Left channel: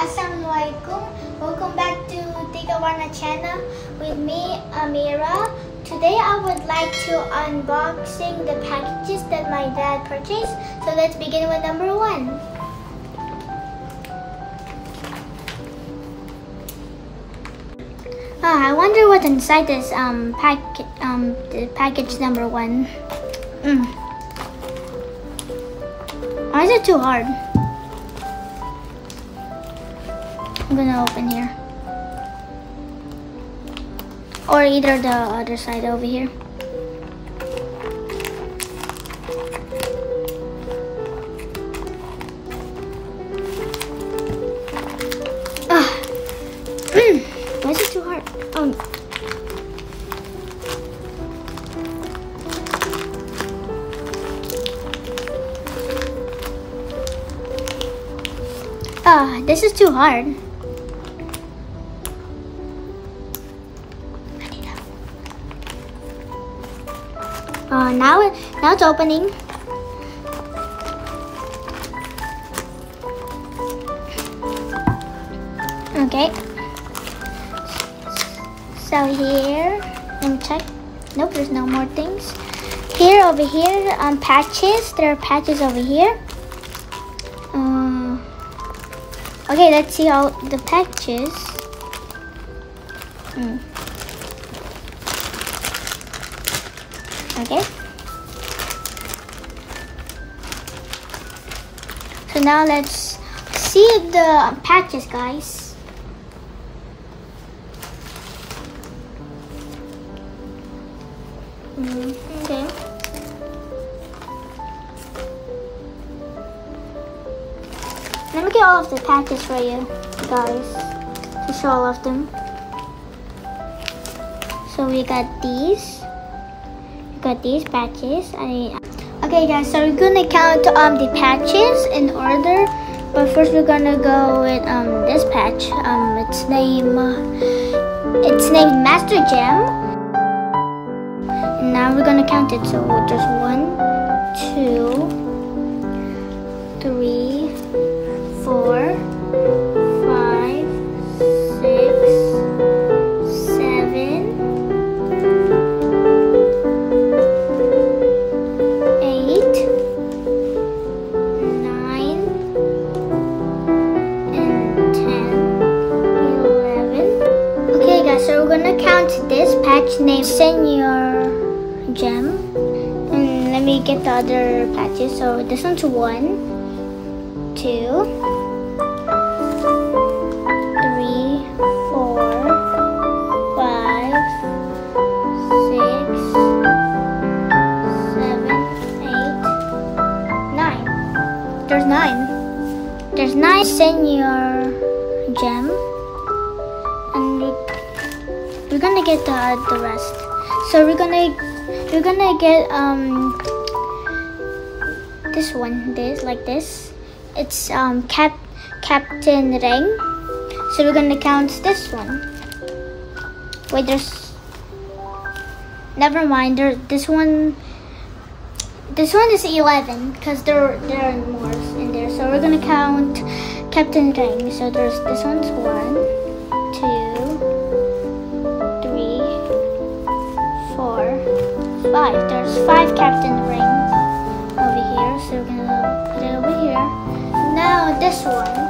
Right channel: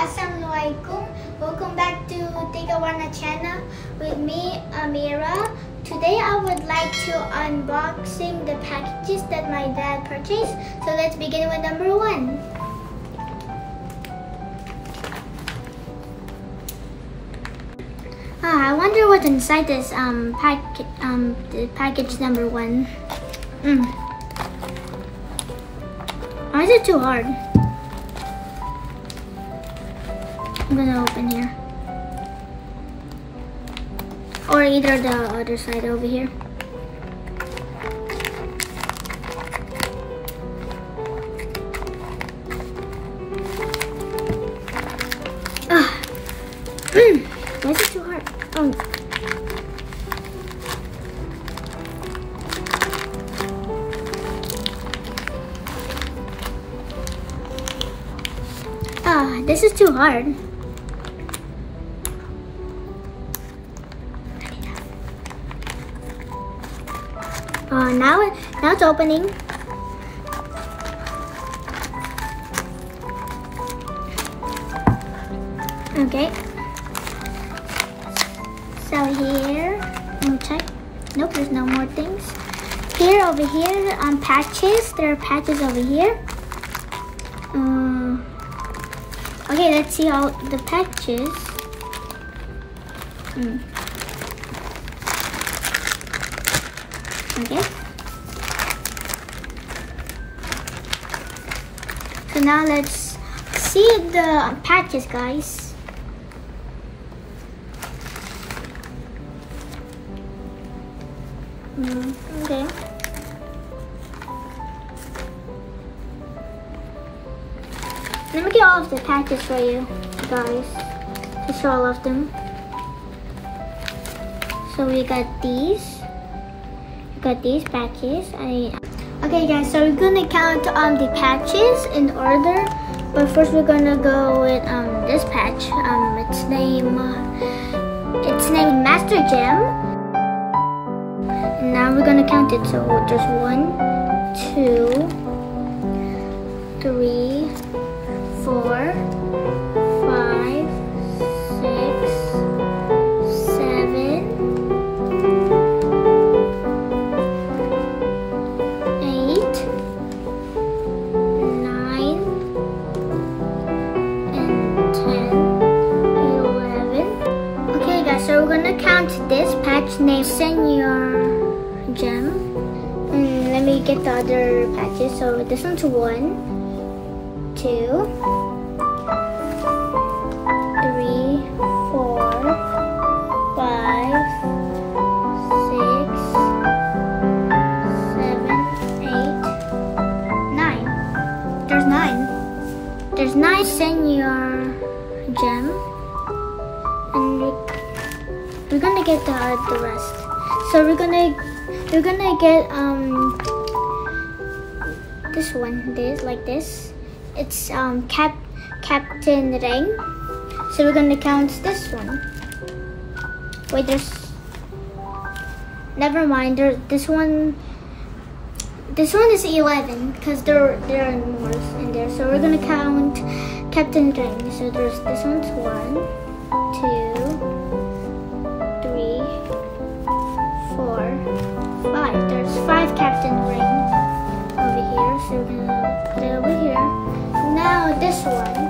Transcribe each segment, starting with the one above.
Assalamualaikum. Welcome back to Tigawana channel with me, Amira. Today I would like to unboxing the packages that my dad purchased. So let's begin with number 1. I wonder what's inside this the package number 1. Why is it too hard? I'm gonna open here. Or either the other side over here. Why is it too hard? This is too hard. Now it's opening. Okay. So here, let me check. Nope, there's no more things. Here, over here, patches. There are patches over here. Okay, let's see all the patches. Okay. So now let's see the patches, guys. Okay. Let me get all of the patches for you guys to show all of them. So we got these. Got these patches. Okay guys, so we're gonna count the patches in order, but first we're gonna go with this patch. It's named Master Gem, and now we're gonna count it. So there's 1, 2, 3, 4, 5, 6, 7, 8, 9, and 10, 11. Okay guys, so we're gonna count this patch named Senior Gem. And let me get the other patches. So this one's 1, 2, 3, 4, 5, 6, 7, 8, 9. There's 9. There's 9 Senior Gem. And we're gonna get the rest. So we're gonna get this one, like this. It's Captain Ring. So we're gonna count this one. Wait, never mind. This one is 11 because there are more in there. So we're gonna count Captain Ring. So there's this one's 1, 2, 3, 4, 5. There's 5 Captain Ring over here. So we're gonna put it over here. Now this one.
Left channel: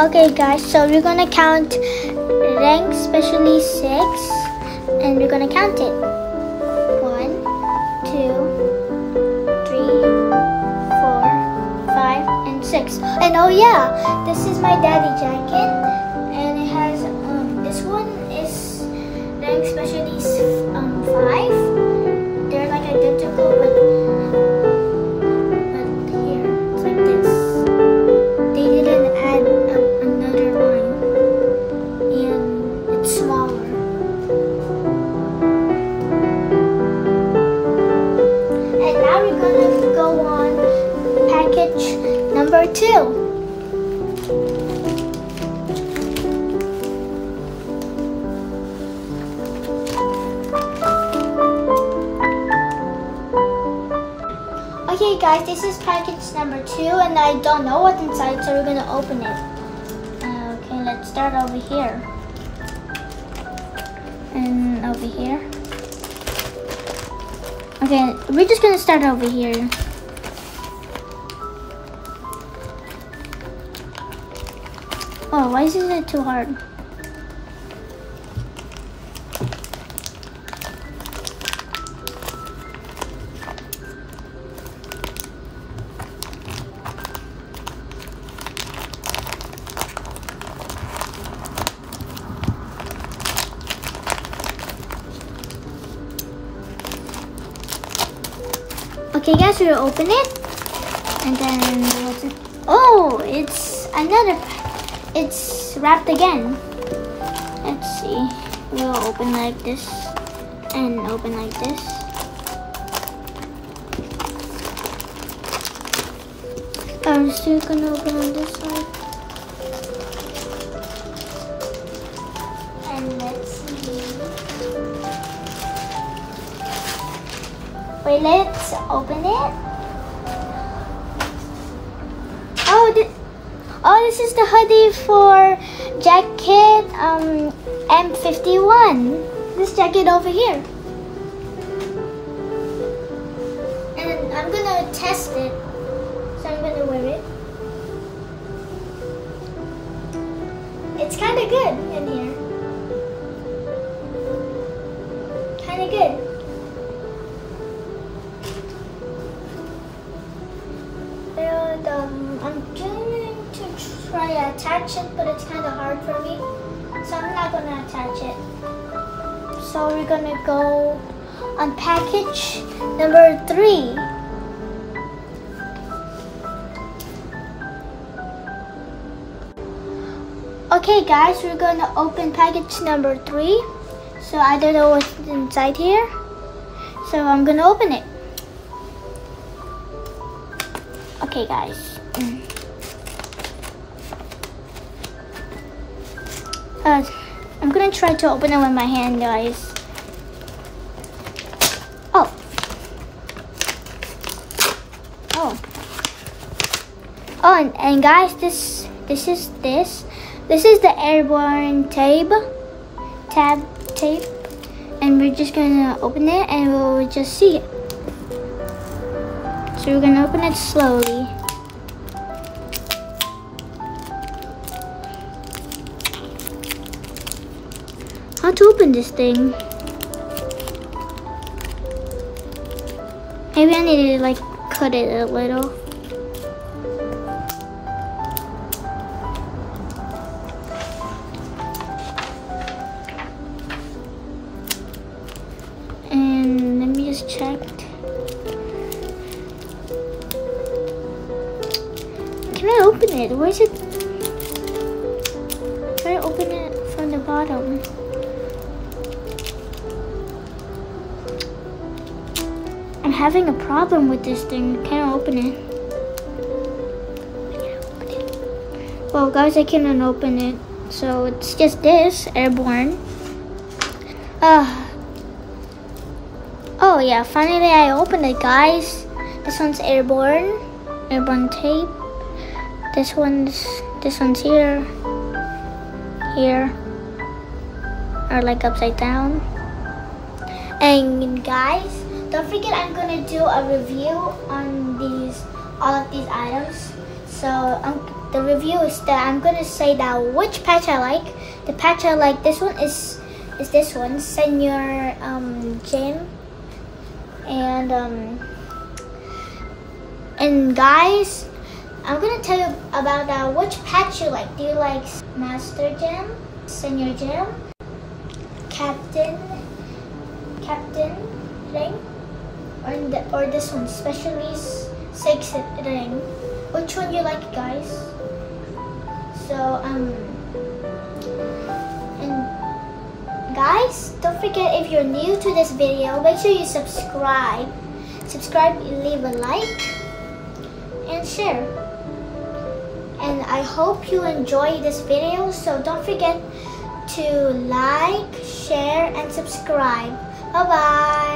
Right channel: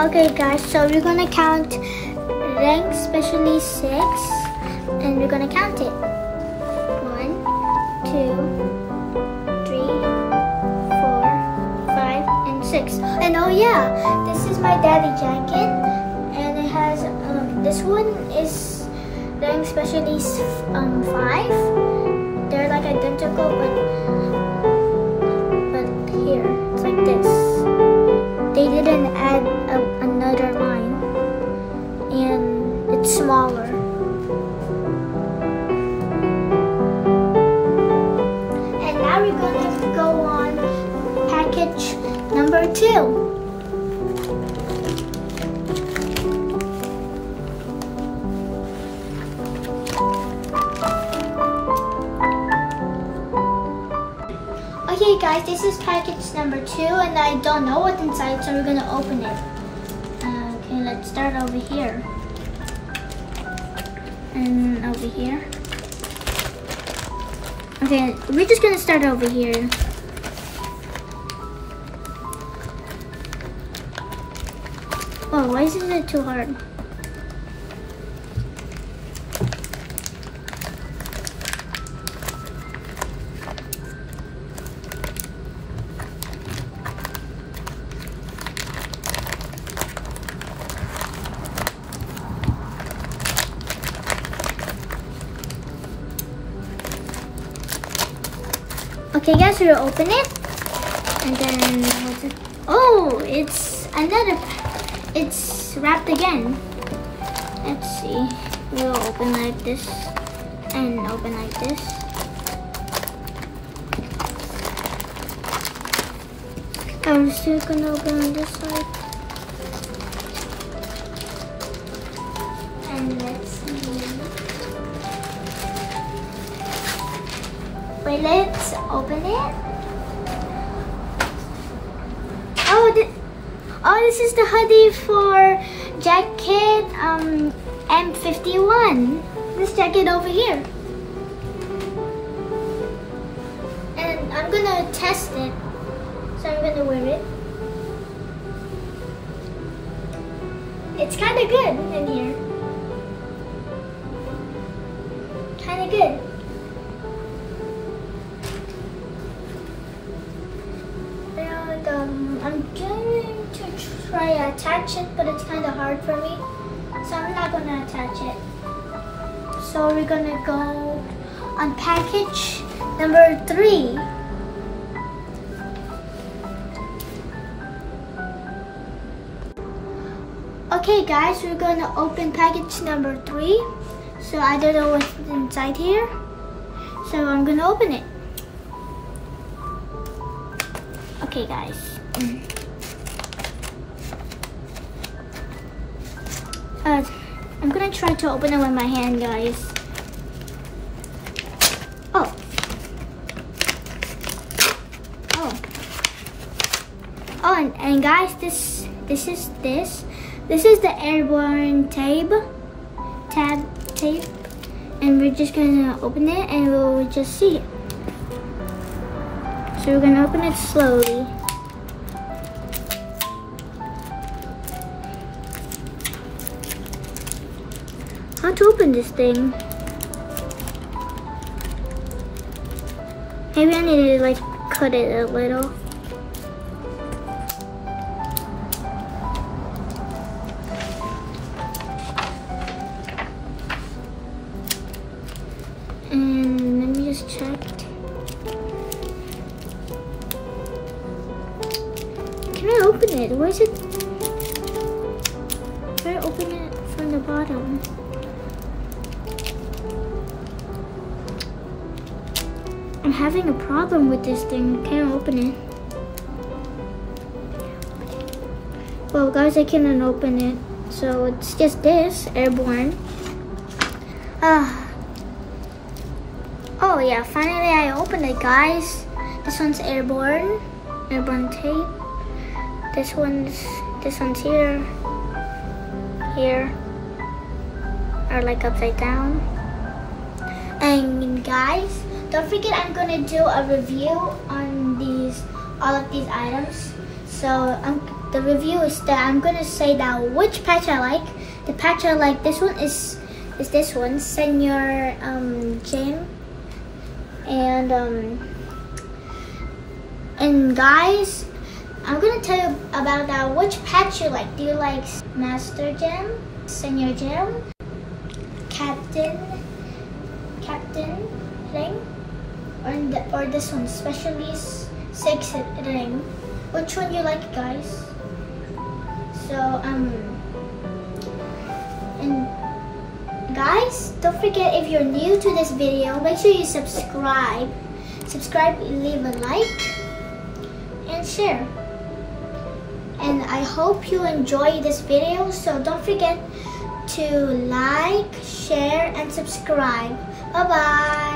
Okay guys, so we're gonna count rank specially 6, and we're gonna count it. 1, 2, 3, 4, 5, and 6. And oh yeah, this is my daddy jacket, and it has this one is rank specially 5. They're like identical, but here it's like this. They didn't add another line, and it's smaller. And now we're gonna go on package number 2. Okay guys, this is package number 2 and I don't know what's inside, so we're gonna open it. Okay, let's start over here. And over here. Okay, we're just gonna start over here. Oh, why is it too hard? Okay guys, we'll open it. And then, oh, it's wrapped again. Let's see. We'll open like this and open like this. I'm still gonna open on this side. And let's see. Wait, let's open it. Oh, this is the hoodie for jacket M51. This jacket over here. And I'm gonna test it. So I'm gonna wear it. It's kinda good in here. Kinda good. And I'm going to try to attach it, but it's kind of hard for me, so I'm not gonna attach it. So we're gonna go on package number 3. Okay guys, we're gonna open package number 3. So I don't know what's inside here, so I'm gonna open it. Okay guys. I'm gonna try to open it with my hand, guys. Oh. Oh, and guys, this is the Airborne tape, and we're just gonna open it and we'll just see it. So we're gonna open it slowly. How to open this thing? Maybe I need to like cut it a little. And let me just check. Can I open it? Where is it? Can I open it from the bottom? I'm having a problem with this thing. I can't open it. Well guys, I cannot open it. So it's just this, Airborne. Oh yeah, finally I opened it, guys. This one's Airborne tape. This one's here, or like upside down. And guys, don't forget I'm gonna do a review on all of these items. So the review is that I'm gonna say that which patch I like. The patch I like, this one is this one, Senior Gym. And guys, I'm gonna tell you about that which patch you like. Do you like Master Gem, Senior Gem, Captain Ring, or this one, Specialist 6 Ring? Which one you like, guys? So and guys, don't forget, if you're new to this video, make sure you subscribe, leave a like, and share. And I hope you enjoy this video, so don't forget to like, share, and subscribe. Bye bye.